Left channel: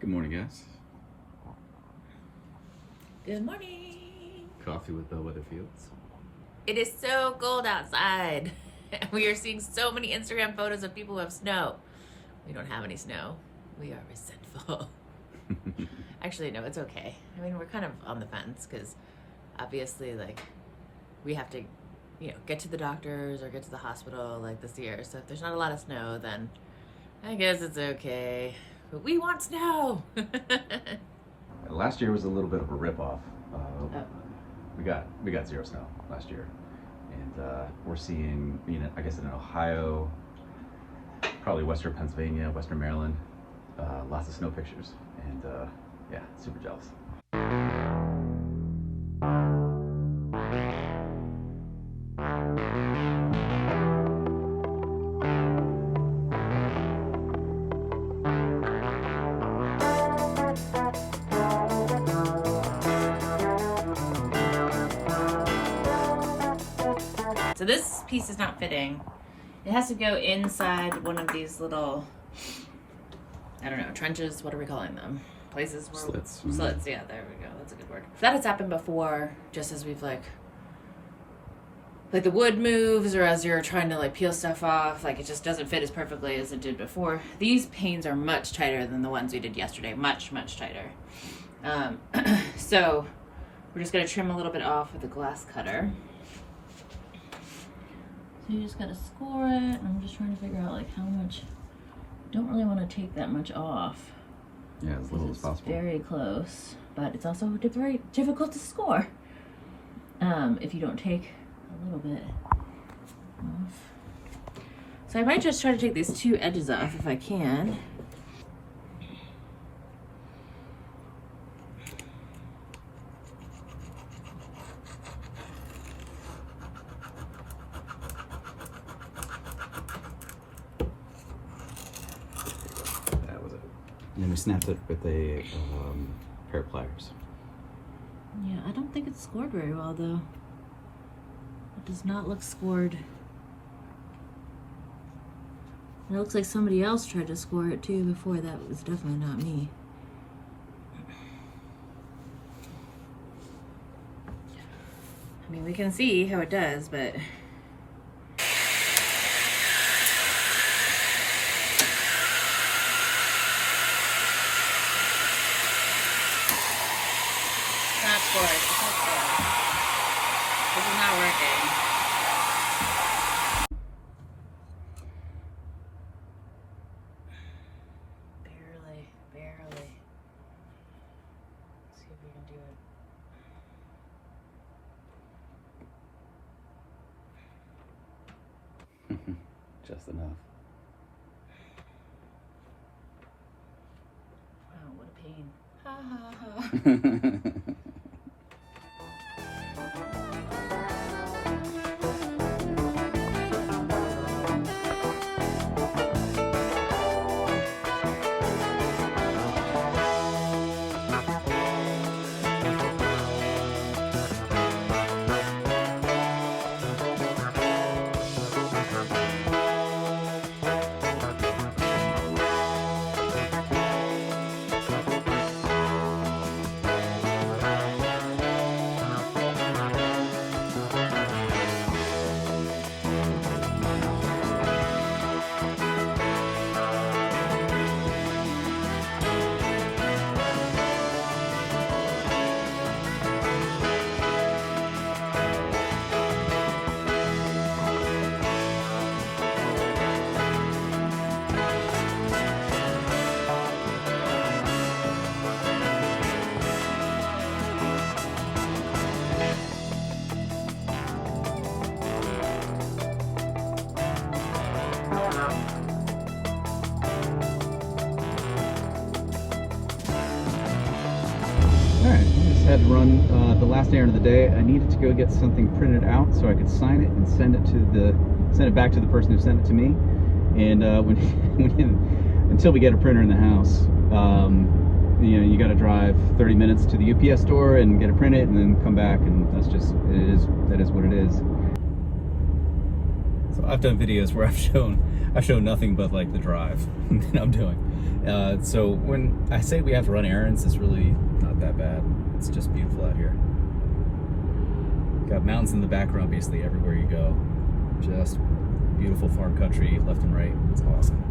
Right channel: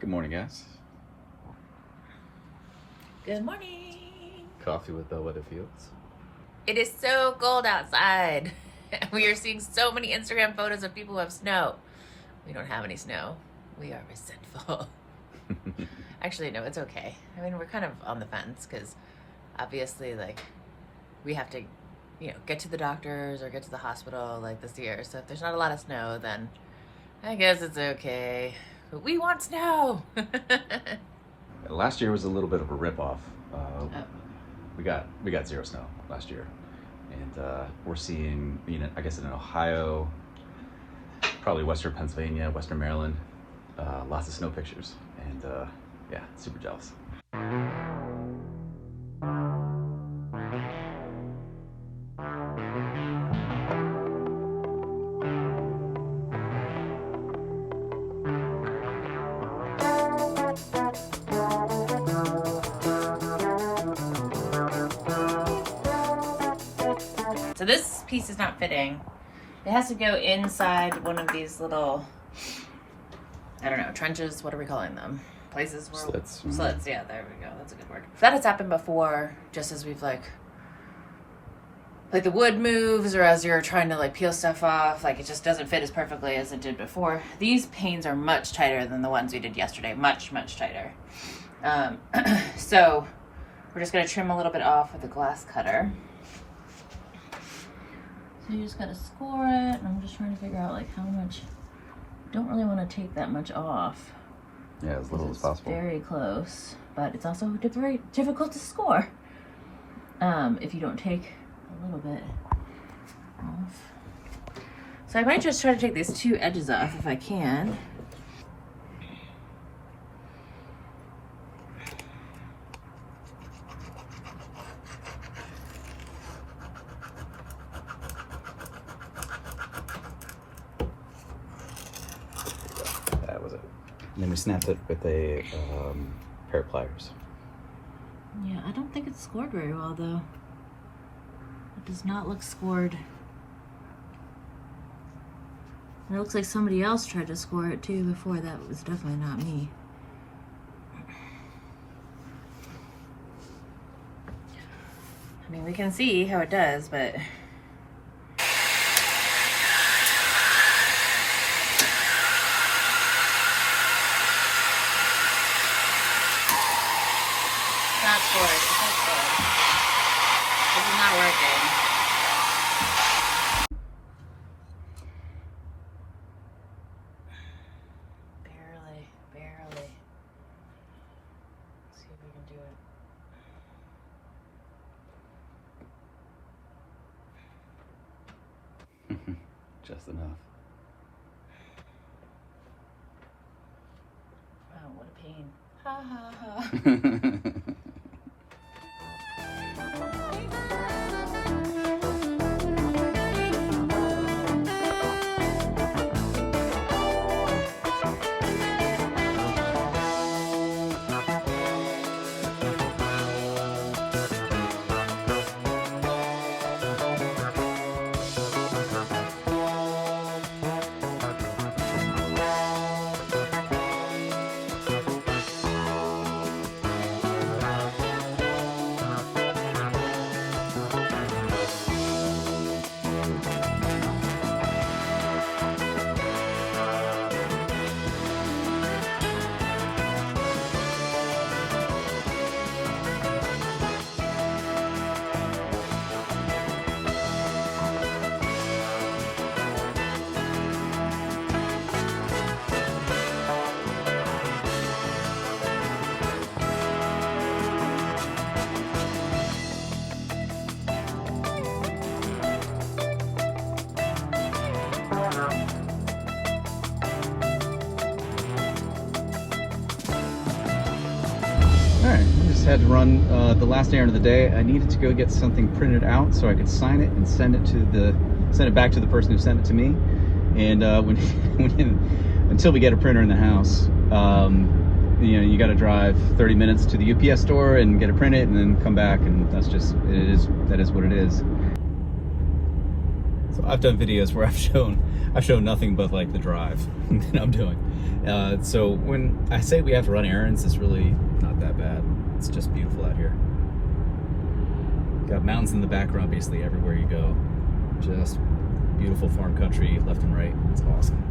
Good morning, guys. Good morning. Coffee with Bellwether Fields. It is so cold outside. We are seeing so many Instagram photos of people who have snow. We don't have any snow. We are resentful. Actually, no, it's okay. I mean, we're kind of on the fence because obviously, like, we have to, get to the doctors or get to the hospital like this year. So if there's not a lot of snow, then I guess it's okay. But we want snow. Last year was a little bit of a ripoff. We got zero snow last year, and we're seeing, I guess in Ohio, probably Western Pennsylvania, Western Maryland, lots of snow pictures, and yeah, super jealous. So this piece is not fitting. It has to go inside one of these little, I don't know, trenches, what are we calling them? Places where Slits. Slits, yeah, there we go. That's a good word. That has happened before, just as we've like the wood moves or as you're trying to peel stuff off, it just doesn't fit as perfectly as it did before. These panes are much tighter than the ones we did yesterday, much tighter. So we're just gonna trim a little bit off with a glass cutter. So you just gotta score it, and I'm just trying to figure out how much. Don't really want to take that much off. Yeah, as little as possible. Very close, but it's also very difficult to score if you don't take a little bit off. So I might just try to take these two edges off if I can. And then we snapped it with a pair of pliers. Yeah, I don't think it's scored very well though. It does not look scored. It looks like somebody else tried to score it too before. That was definitely not me. I mean, we can see how it does, but not scored. It's not scored. This is not working. Barely. Let's see if we can do it. Just enough. Oh, what a pain. Ha ha ha. Had to run the last errand of the day. I needed to go get something printed out so I could sign it and send it back to the person who sent it to me. And until we get a printer in the house, you got to drive 30 minutes to the UPS store and get it printed and then come back, and that is what it is. So I've done videos where I've shown nothing but the drive that I'm doing. So when I say we have to run errands, it's really not that bad. It's just beautiful out here. Got mountains in the background basically everywhere you go. Just beautiful farm country left and right. It's awesome.